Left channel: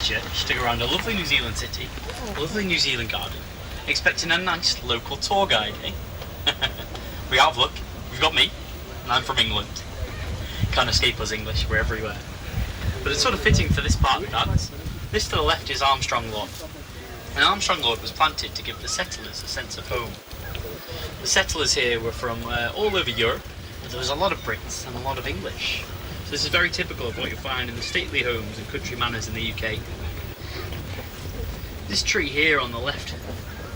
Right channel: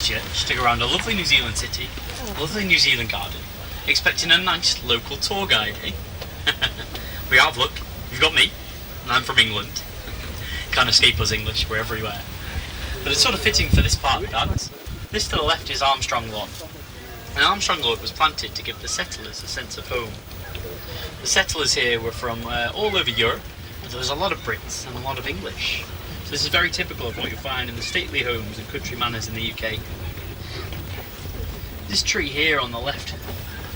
Christchurch to go around a lovely New Zealand city, a lovely New Zealand garden, expecting a nice local tour guide, eh? We have, look, you've got me, and I'm from England. Can't escape us English, we're everywhere. But it's sort of fitting for this part of the gardens. This to the left is Armstrong Lawn. And Armstrong Lawn was planted to give the settlers a sense of home. The settlers here were from all over Europe, but there was a lot of Brits and a lot of English. So this is very typical of what you find in the stately homes and country manors in the UK. This tree here on the left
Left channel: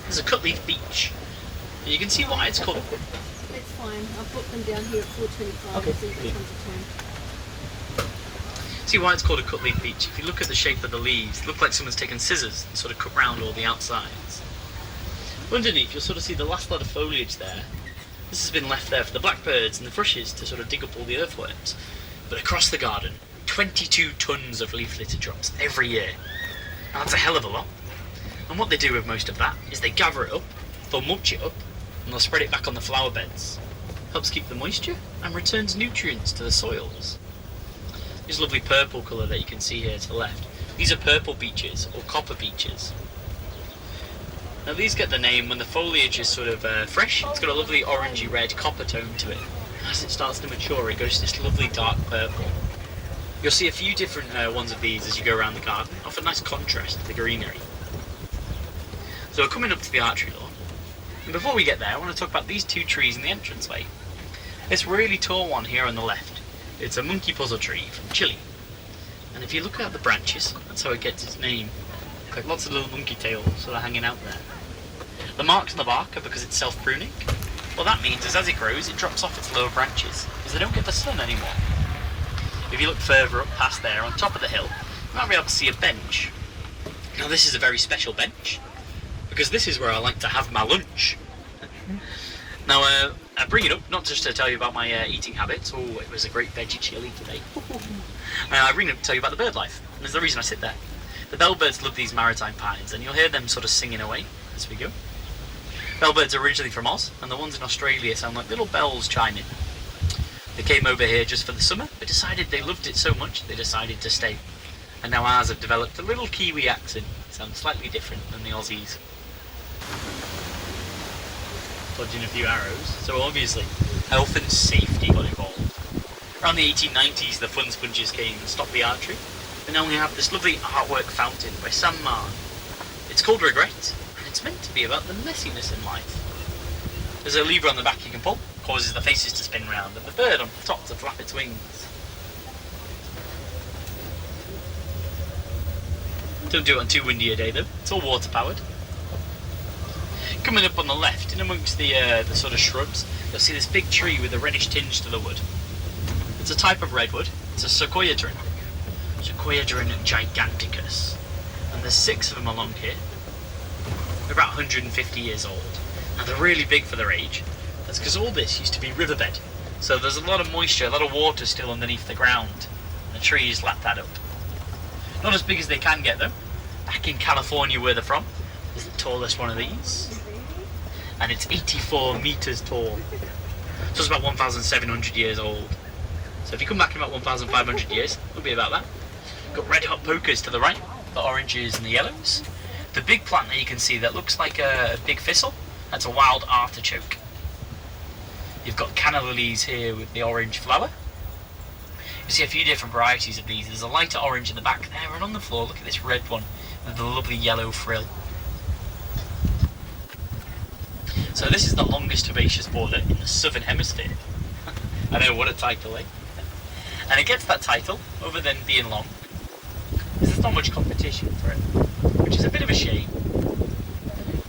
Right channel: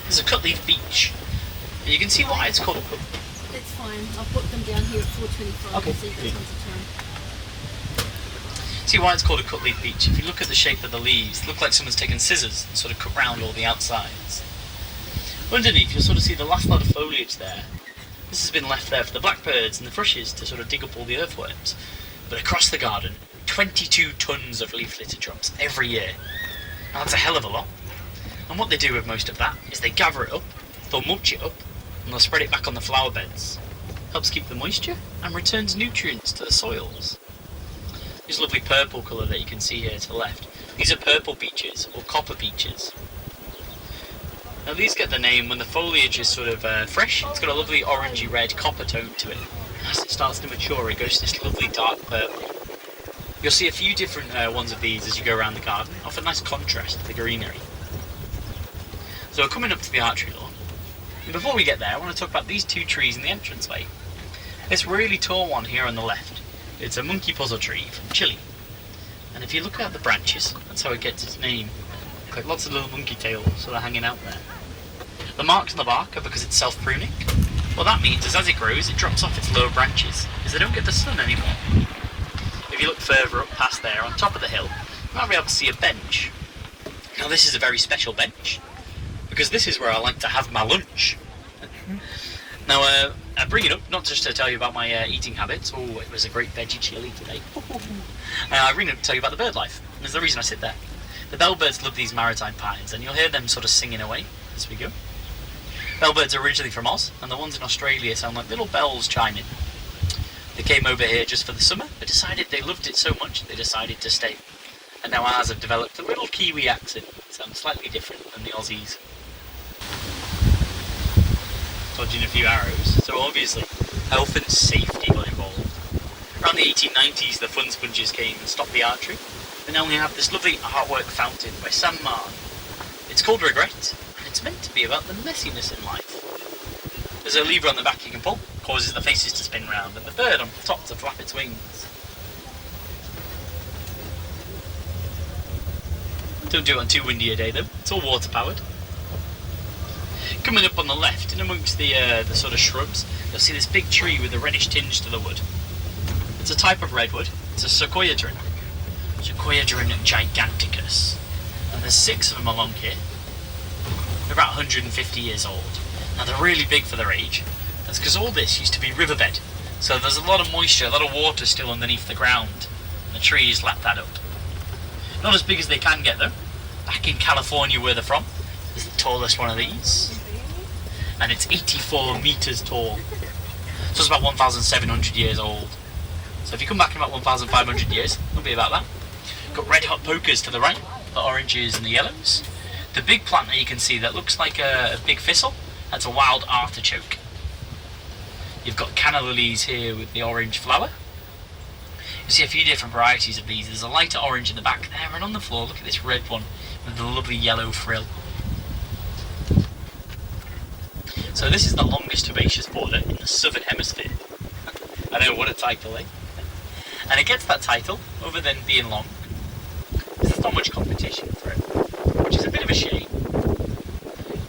is a cutleaf beech. And you can see why it's called. That's fine. I'll put them down here at 4.25 Okay. so you got tons of time. See why it's called a cutleaf beech? If you look at the shape of the leaves, it looks like someone's taken scissors and sort of cut round all the outsides. Underneath, you'll sort of see the last lot of foliage there. This has been left there for the blackbirds and the thrushes to sort of dig up all the earthworms. But across the garden, 22 tons of leaf litter drops every year. Now that's a hell of a lot. And what they do with most of that is they gather it up, they'll mulch it up, and they'll spread it back on the flower beds. Helps keep the moisture and returns nutrients to the soils. This lovely purple colour that you can see here to the left, these are purple beeches, or copper beeches. Now these get the name when the foliage is sort of fresh. It's got a lovely orangey red copper tone to it. As it starts to mature, it goes to this lovely dark purple. You'll see a few different ones of these as you go around the garden, offer a nice contrast to the greenery. So we're coming up to the archery lawn. And before we get there, I want to talk about these two trees in the entranceway. This really tall one here on the left, it's a monkey puzzle tree from Chile. And if you look at the branches, that's how it gets its name. Got lots of little monkey tails sort of hanging out there. The marks on the bark are because it's self-pruning. What that means is as it grows, it drops off its lower branches, because they don't get the sun anymore. If you look further up past there, on top of the hill, you might be able to see a bench. Now this is a very special bench, because this is where I like to have my lunch. Now, I bring it up not just to tell you about my eating habits. Oh, it was a great veggie chili today. I bring it up to tell you about the bird life, and there's the reason I sit there. The bellbirds love these maritime pines, and you'll hear them sort of singing away as we go. Bellbirds are originally from Oz, and the ones in Australia sound like little bells chiming. They came over here just for the summer, but decided they loved it so much they decided to stay. And now ours have developed a little Kiwi accent, sounds slightly different than the Aussies. Dodging a few arrows, so obviously health and safety got involved. Around the 1890s the fun sponges came and stopped the archery, and now we have this lovely artwork fountain by Sam Marr. It's called Regret, and it's meant to be about the messiness in life. There's a lever on the back you can pull, causes the faces to spin round, and the bird on the top to flap its wings. Don't do it on too windy a day though, it's all water powered. Coming up on the left, in amongst the sort of shrubs, you'll see this big tree with a reddish tinge to the wood. It's a type of redwood, it's a sequoiadron. Sequoiadron giganticus. And there's 6 of them along here. They're about 150 years old. Now they're really big for their age. That's because all this used to be riverbed. So there's a lot of moisture, a lot of water still underneath the ground. And the trees lap that up. Not as big as they can get though. Back in California where they're from, is the tallest one of these. And it's 84 metres tall. So it's about 1,700 years old. So if you come back in about 1,500 years, it'll be about that. Got red hot pokers to the right, the oranges and the yellows. The big plant that you can see that looks like a big thistle, that's a wild artichoke. You've got canna lilies here with the orange flower. You see a few different varieties of these. There's a lighter orange in the back there, and on the floor, look at this red one with the lovely yellow frill. So this is the longest herbaceous border in the southern hemisphere. I know, what a title, eh? And it gets that title, over them being long, because there's not much competition for it, which is a bit of a shame.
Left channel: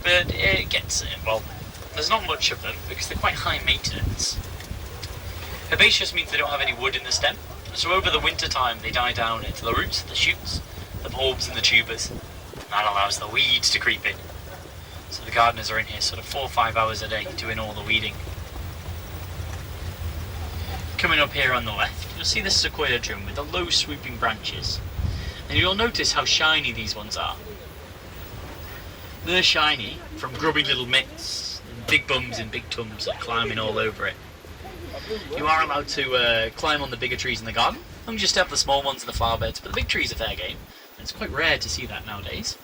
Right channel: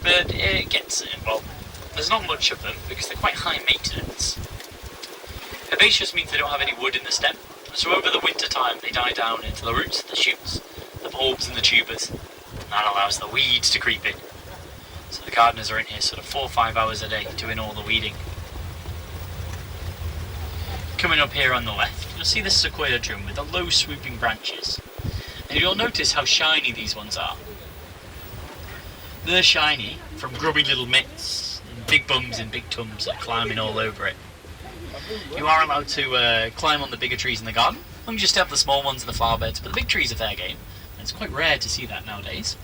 But it gets it. Well, there's not much of them because they're quite high maintenance. Herbaceous means they don't have any wood in the stem, so over the winter time they die down into the roots, the shoots, the bulbs and the tubers. And that allows the weeds to creep in. So the gardeners are in here sort of 4 or 5 hours a day doing all the weeding. Coming up here on the left, you'll see this sequoiadron with the low swooping branches. And you'll notice how shiny these ones are. They're shiny from grubby little mitts, and big bums and big tums that are climbing all over it. You are allowed to climb on the bigger trees in the garden, and just have the small ones in the flower beds, but the big trees are fair game. It's quite rare to see that nowadays.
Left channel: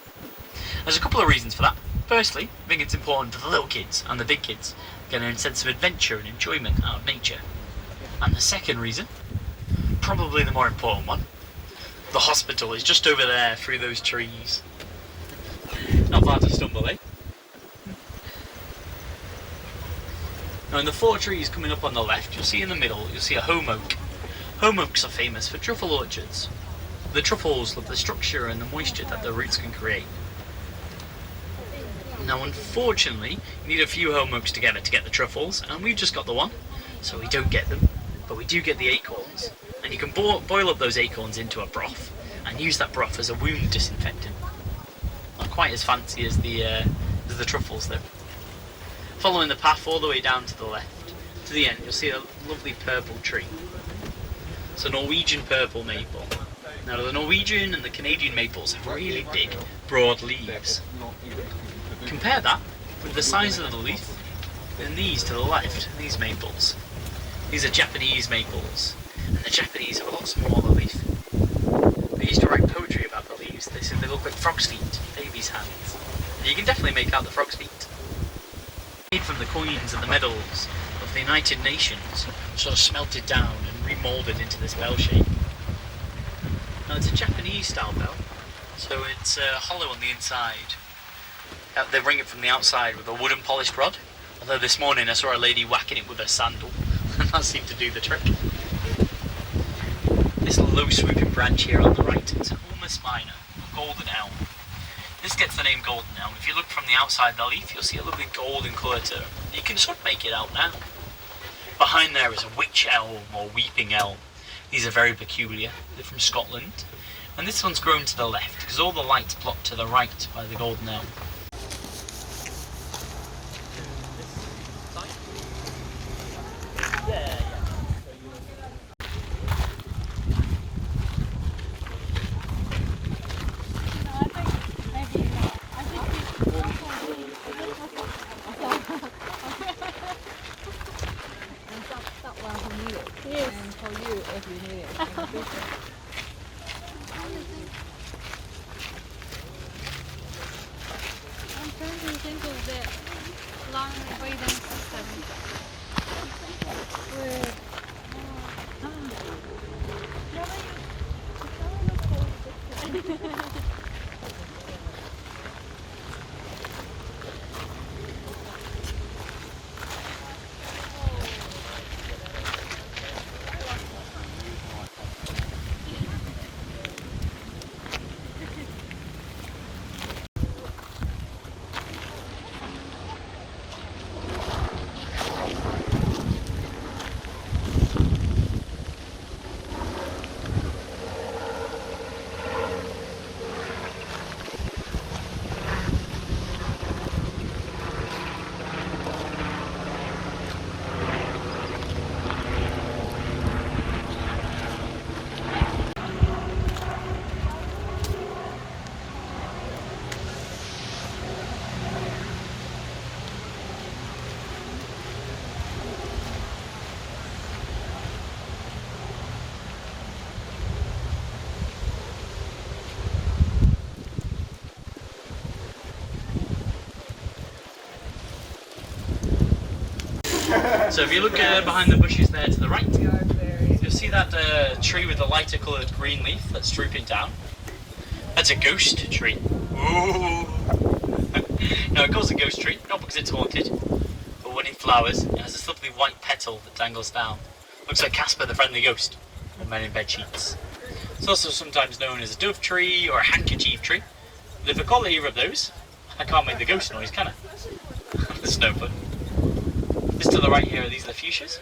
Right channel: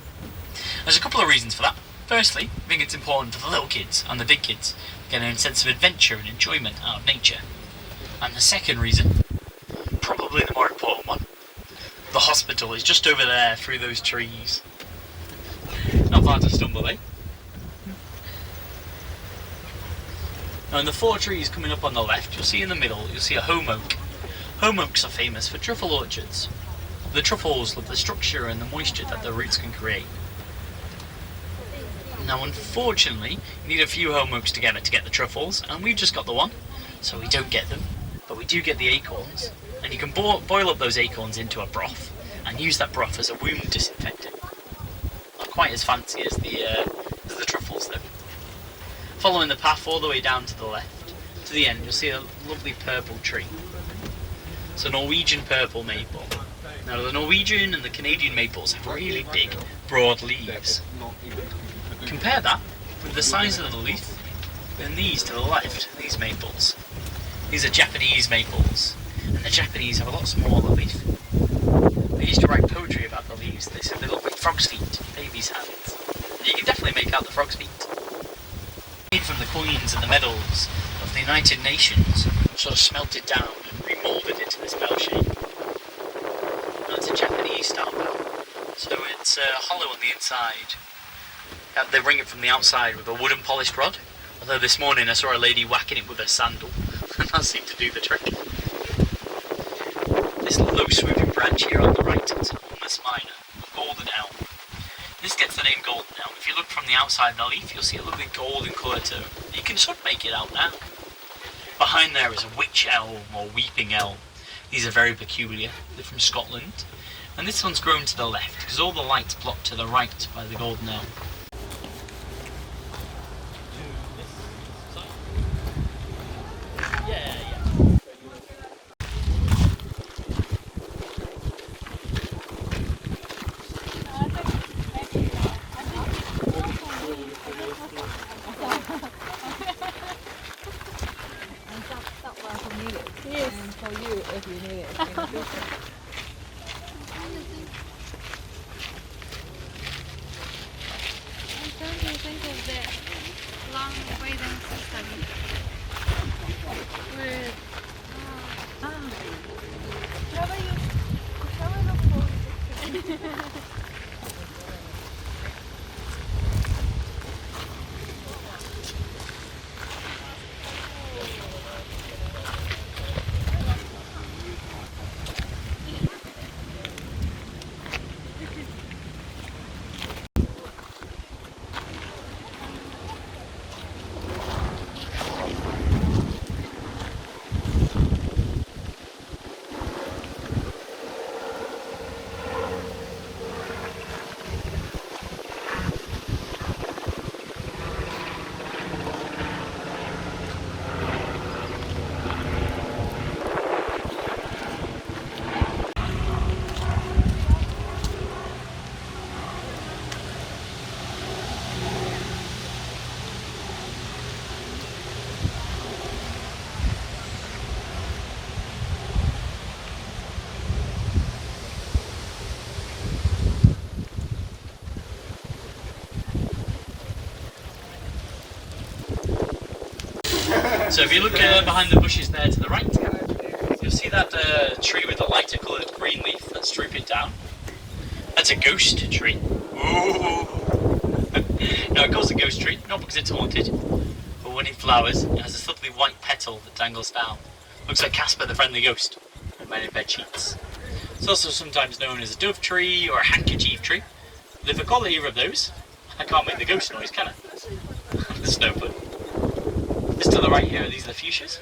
There's a couple of reasons for that. Firstly, I think it's important for the little kids and the big kids getting a sense of adventure and enjoyment out of nature. And the second reason, probably the more important one, the hospital is just over there through those trees. Not far to stumble, eh? Now in the 4 trees coming up on the left, you'll see in the middle, you'll see a home oak. Home oaks are famous for truffle orchards. The truffles love the structure and the moisture that the roots can create. Now unfortunately, you need a few home oaks together to get the truffles, and we've just got the one, so we don't get them, but we do get the acorns, and you can boil up those acorns into a broth, and use that broth as a wound disinfectant. Not quite as fancy as the truffles though. Following the path all the way down to the left, to the end, you'll see a lovely purple tree. It's a Norwegian purple maple. Now the Norwegian and the Canadian maples have really big, broad leaves. Compare that with the size of the leaf and these to the left, these maples. These are Japanese maples, and the Japanese have a lot smaller leaf. They used to write poetry about the leaves. They said they look like frog's feet, babies' hands. You can definitely make out the frog's feet. Made from the coins and the medals of the United Nations, sort of smelted down and remoulded into this bell shape. Now it's a Japanese style bell, so it's hollow on the inside. They ring it from the outside with a wooden polished rod, although this morning I saw a lady whacking it with a sandal, and that seemed to do the trick. This low swooping branch here on the right, it's an almost minor, a golden elm. This gets the name golden elm. If you look from the outside the leaf, you'll see a lovely golden colour to it. You can sort of make it out now. Behind there is a witch elm or weeping elm. These are very peculiar. They're from Scotland. And this one's grown to the left, because all the light's blocked to the right by the golden elm. Yes, for you if you need it. Thank you. Think of the long breathing system. So if you look behind the bushes there to the right, you'll see that tree with the lighter coloured green leaf that's drooping down. That's a ghost tree. Ooh! No, it calls a ghost tree, not because it's haunted, but when it flowers, it has a lovely white petal that dangles down. Looks like Casper the Friendly Ghost, and men in bed sheets. It's also sometimes known as a dove tree or a handkerchief tree. But if I call it either of those, I can't make the ghost noise, can I? There's no fun. This to the right here, these are the fuchsias.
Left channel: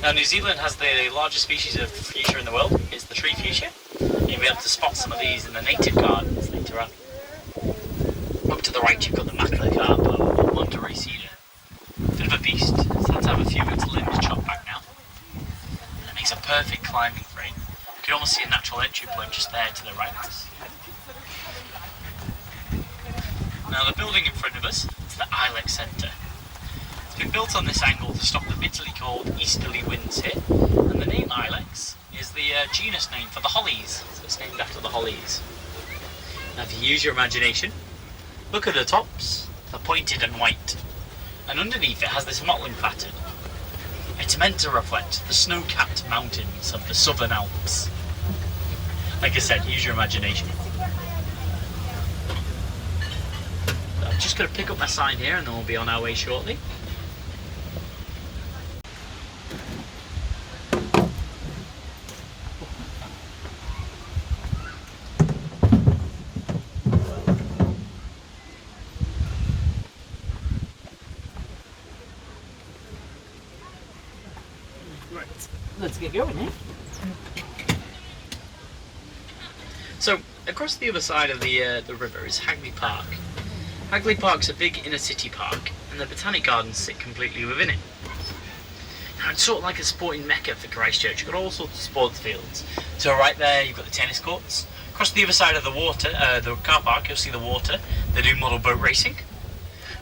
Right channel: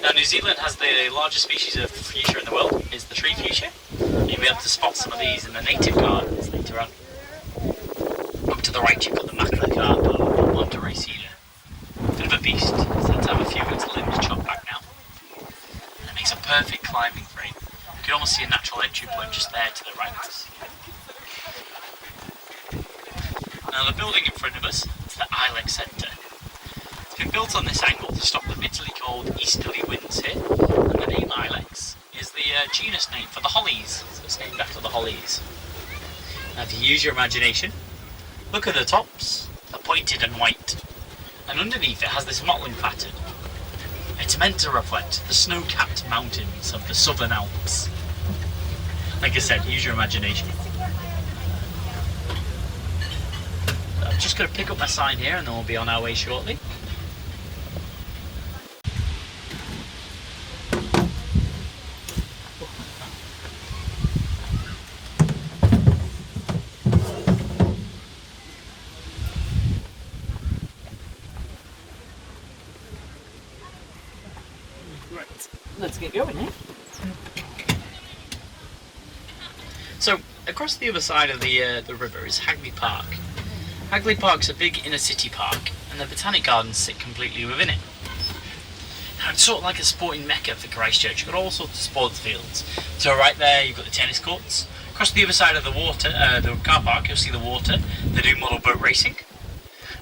Now New Zealand has the largest species of fuchsia in the world. It's the tree fuchsia. You'll be able to spot some of these in the native gardens later on. Up to the right you've got the Macaca or Monterey cedar. Bit of a beast, so let's have a few of its limbs chopped back now. And it makes a perfect climbing frame. You can almost see a natural entry point just there to the right. Now the building in front of us is the Ilex Centre. It's been built on this angle to stop the bitterly cold easterly winds here, and the name Ilex is the genus name for the hollies. So it's named after the hollies. Now if you use your imagination, look at the tops. They're pointed and white. And underneath it has this mottling pattern. It's meant to reflect the snow-capped mountains of the Southern Alps. Like I said, use your imagination. I'm just going to pick up my sign here and then we'll be on our way shortly. Right, let's get going here. So, across the other side of the river is Hagley Park. Hagley Park's a big inner city park, and the Botanic Gardens sit completely within it. Now, it's sort of like a sporting mecca for Christchurch. You've got all sorts of sports fields. So right there, you've got the tennis courts. Across the other side of the water, the car park, you'll see the water. They do model boat racing.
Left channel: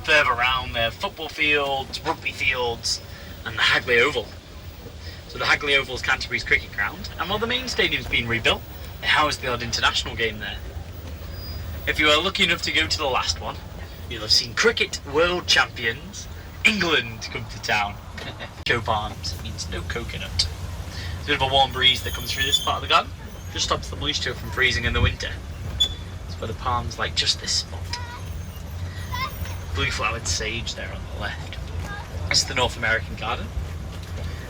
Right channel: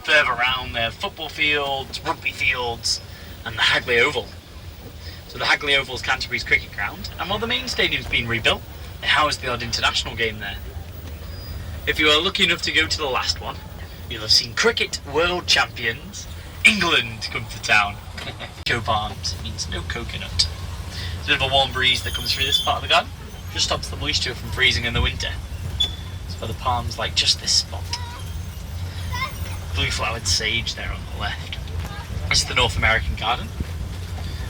Further around, there are football fields, rugby fields, and the Hagley Oval. So the Hagley Oval is Canterbury's cricket ground, and while the main stadium's been rebuilt, it housed the odd international game there. If you are lucky enough to go to the last one, you'll have seen cricket world champions England come to town. Cocoa palms means no coconut. There's a bit of a warm breeze that comes through this part of the garden. Just stops the moisture from freezing in the winter. So the palms like just this spot. Blue flowered sage there on the left. It's the North American garden.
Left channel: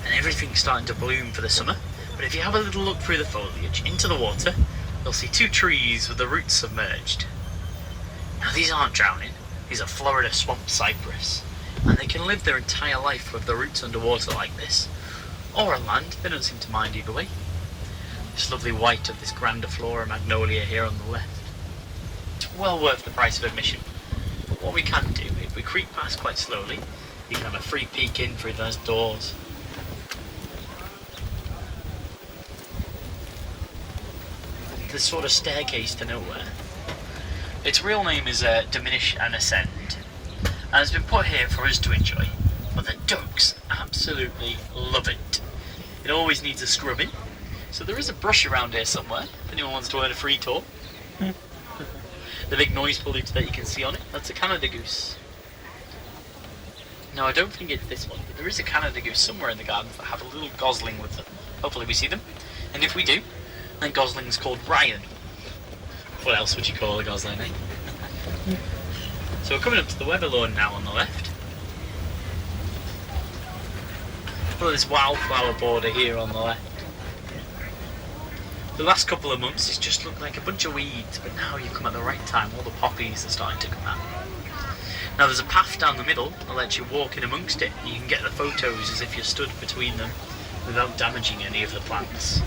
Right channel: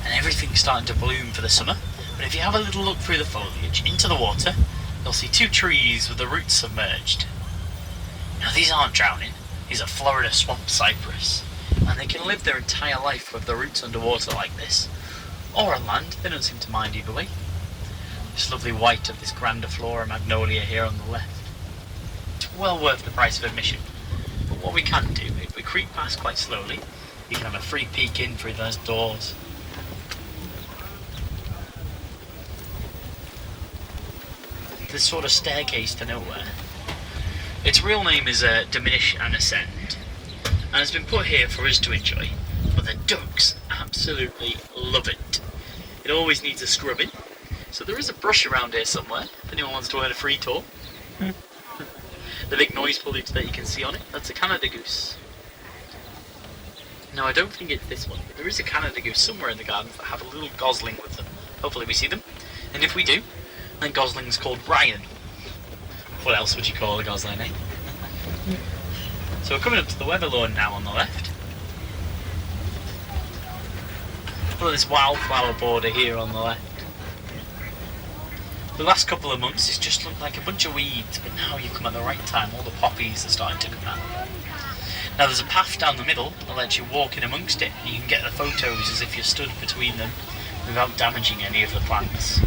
And everything's starting to bloom for the summer. But if you have a little look through the foliage into the water, you'll see two trees with the roots submerged. Now these aren't drowning, these are Florida swamp cypress, and they can live their entire life with the roots underwater like this, or on land. They don't seem to mind either way. This lovely white of this grandiflora magnolia here on the left. It's well worth the price of admission. But what we can do, if we creep past quite slowly, you can have a free peek in through those doors. This sort of staircase to nowhere. Its real name is Diminish and Ascend, and it's been put here for us to enjoy. But the ducks absolutely love it. It always needs a scrubbing, so there is a brush around here somewhere if anyone wants to earn a free tour. The big noise foliage that you can see on it, that's a Canada goose. No, I don't think it's this one, but there is a Canada goose somewhere in the gardens that have a little gosling with them. Hopefully we see them, and if we do, then gosling's called Brian. What else would you call a gosling, eh? So we're coming up to the weather lawn now on the left. Look at this wildflower border here on the left. The last couple of months it's just looked like a bunch of weeds, but now you've come at the right time. All the poppies are starting to come out. Now there's a path down the middle that lets you walk in amongst it, and you can get the photos as if you're stood between them without damaging any of the plants.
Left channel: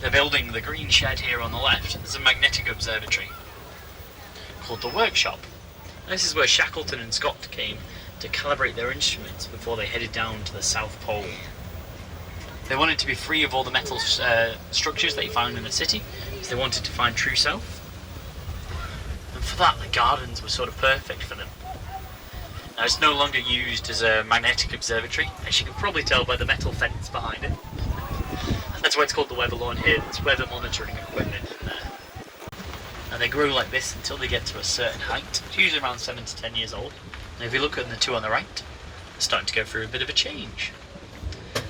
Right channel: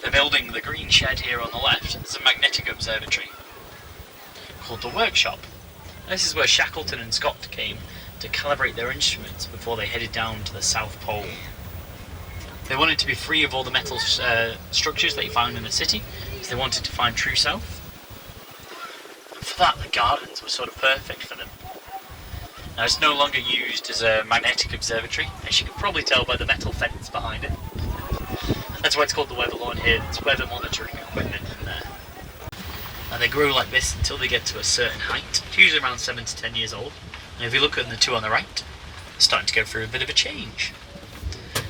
They're building the green shed here on the left. There's a magnetic observatory called the Workshop. This is where Shackleton and Scott came to calibrate their instruments before they headed down to the South Pole. They wanted to be free of all the metal structures that you found in the city, so they wanted to find true south. And for that, the gardens were sort of perfect for them. Now it's no longer used as a magnetic observatory, as you can probably tell by the metal fence behind it. That's why it's called the weather lawn here. It's weather monitoring equipment in there. And they grow like this until they get to a certain height. It's usually around 7 to 10 years old. And if you look at the two on the right, it's starting to go through a bit of a change.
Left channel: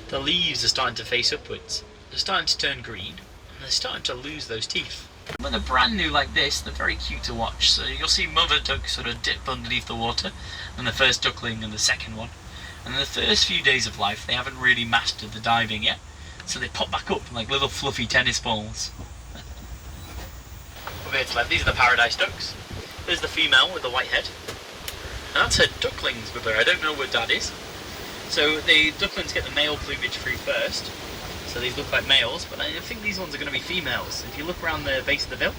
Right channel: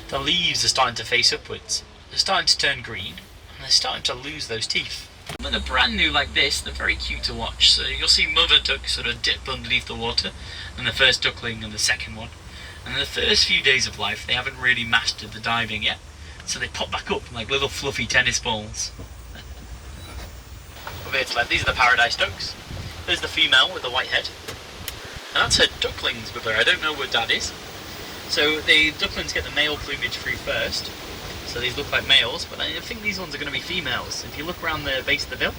The leaves are starting to face upwards. They're starting to turn green, and they're starting to lose those teeth. When they're brand new like this, they're very cute to watch. So you'll see mother ducks sort of dip underneath the water, and the first duckling and the second one. And in the first few days of life, they haven't really mastered the diving yet. So they pop back up like little fluffy tennis balls. Over here to the left, these are the paradise ducks. There's the female with the white head. And that's her ducklings with her. I don't know where dad is. So the ducklings get the male plumage through first. So these look like males, but I think these ones are going to be females. If you look around the base of the bill,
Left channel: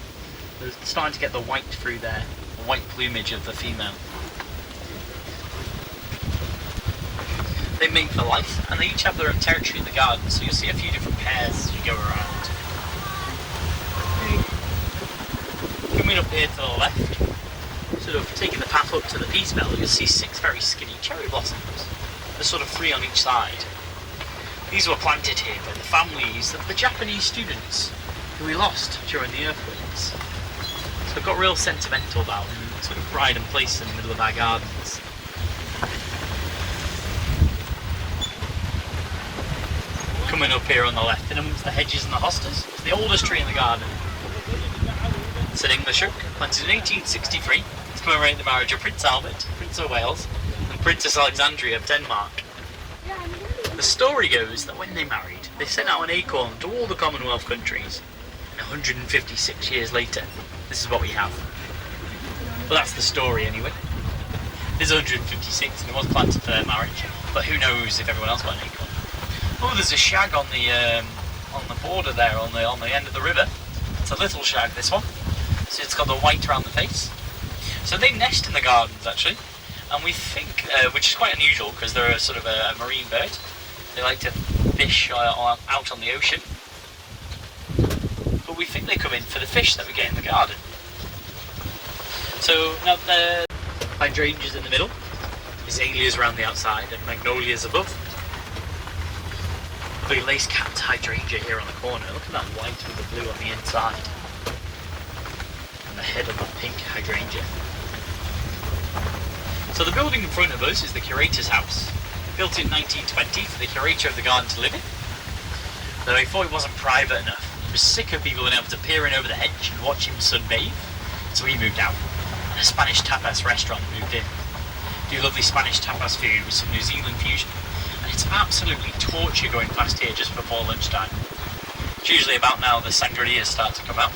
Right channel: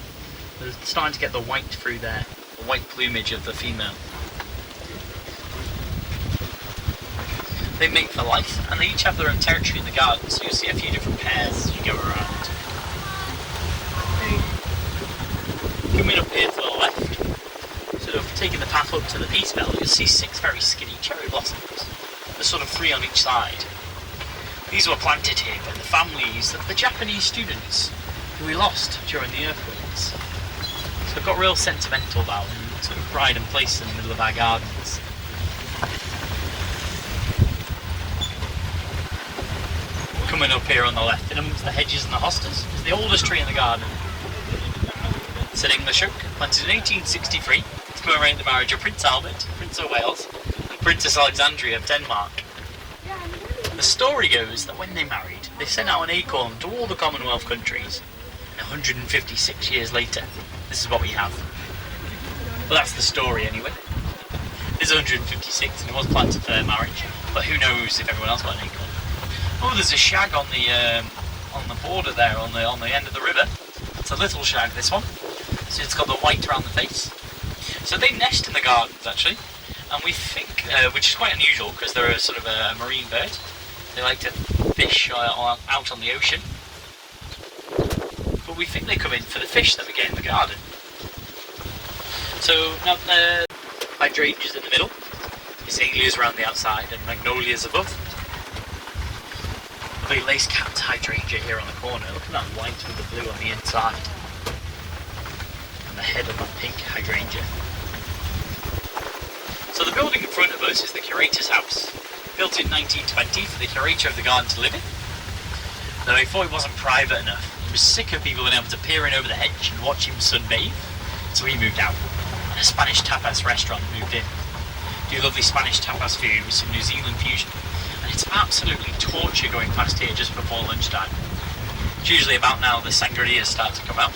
they're starting to get the white through there. The white plumage of the female. They mate for life, and they each have their own territory in the garden, so you'll see a few different pairs as you go around. Coming up here to the left, sort of taking the path up to the peace belt, you'll see 6 very skinny cherry blossoms. There's sort of 3 on each side. These were planted here by the families of the Japanese students who we lost during the earthquakes. So we've got real sentimental about them, sort of pride and place in the middle of our gardens. Coming up here on the left, in amongst the hedges and the hostas, is the oldest tree in the garden. It's an English oak, planted in 1863 to commemorate the marriage of Prince Albert, Prince of Wales, and Princess Alexandria of Denmark. The story goes that when they married, they sent out an acorn to all the Commonwealth countries. 156 years later, this is what we have. Well, that's the story anyway. It is 156 and it was planted for their marriage, but who knows if everyone else got an acorn. Oh, there's a shag on the border there, on the end of the river. It's a little shag, this one. So it's got the white around the face. So they nest in the gardens actually, and we think, which is quite unusual because they're a sort of a marine bird. They like to fish out on the ocean. But we think they come in for the fish that we get in the garden. So now the hydrangeas in the middle, azaleas around the outside, and magnolias above. The lace capped hydrangea here on the corner. Look at that white with the blue on the inside. And the head of that pink hydrangea. So the building in front of us is the curator's house. Built in 1920 for the curator of the garden to live in. Though he thought it wasn't private enough. He was sick of people being able to peer in over the hedge and watch him sunbathe. So he moved out. And a Spanish tapas restaurant moved in. Do lovely Spanish tapas food with some New Zealand fusion. It's absolutely torture going past here just before lunchtime. It's usually about now the sangrias start to come out.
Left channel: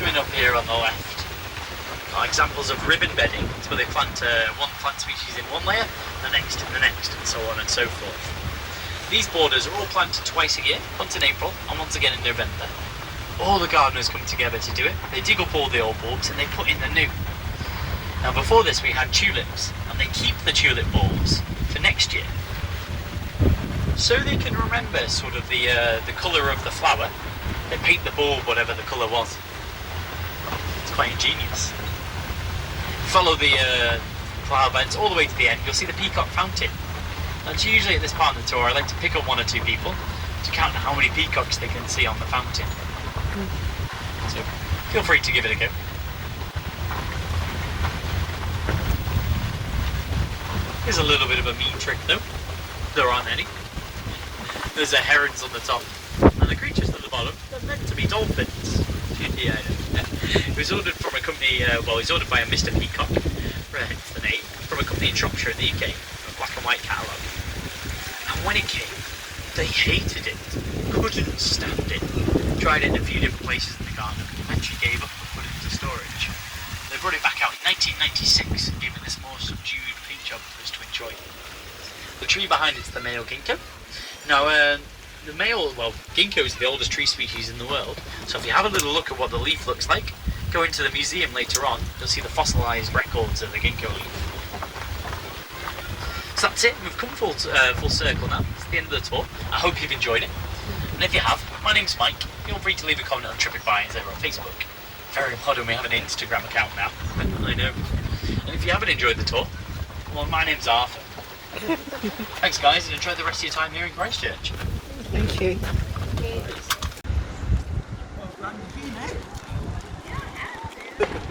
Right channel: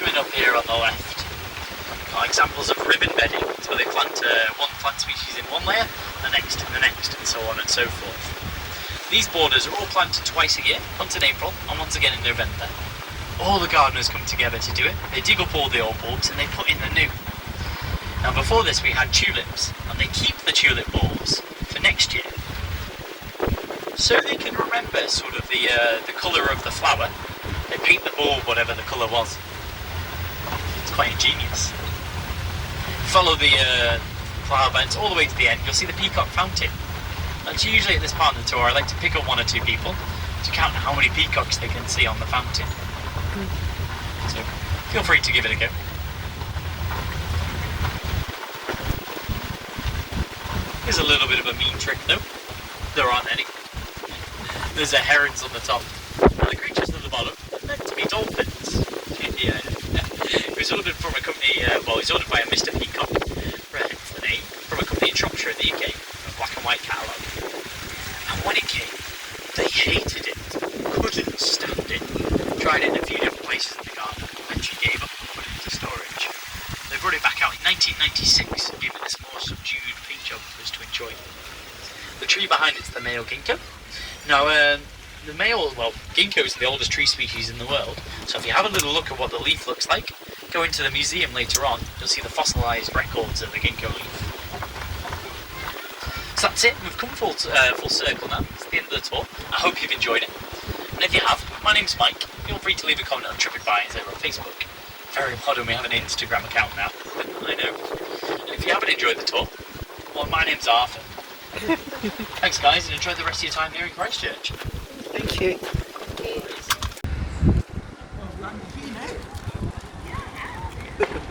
Coming up here on the left are examples of ribbon bedding. It's where they plant one plant species in one layer, the next in the next, and so on and so forth. These borders are all planted twice a year, once in April and once again in November. All the gardeners come together to do it. They dig up all the old bulbs and they put in the new. Now before this we had tulips, and they keep the tulip bulbs for next year. So they can remember sort of the colour of the flower. They paint the bulb whatever the colour was. It's quite ingenious. Follow the flower beds all the way to the end, you'll see the peacock fountain. That's usually at this part of the tour I like to pick up 1 or 2 people to count how many peacocks they can see on the fountain. So feel free to give it a go. Here's a little bit of a mean trick though. There aren't any. There's a herons on the top and the creatures at the bottom are meant to be dolphins. Yeah. It was ordered from a company, it was ordered by a Mr. Peacock, hence the name, from a company in Shropshire in the UK, a black and white catalogue. And when it came, they hated it, couldn't stand it. Tried it in a few different places in the garden, eventually gave up and put it into storage. They brought it back out in 1996 and gave it this more subdued paint job for us to enjoy. The tree behind it's the male ginkgo. Now, the male, ginkgo is the oldest tree species in the world, so if you have a little look at what the leaf looks like, go into the museum later on, you'll see the fossilised records of the ginkgo leaf. So that's it, we've come full circle now, it's the end of the tour. I hope you've enjoyed it. And if you have, my name's Mike. Feel free to leave a comment on TripAdvisor or Facebook. Very modern, we have an Instagram account now, but I know. And if you haven't enjoyed the tour, well, my name's Arthur. Thanks guys, and enjoy the rest of your time here in Christchurch. Thank you. Look at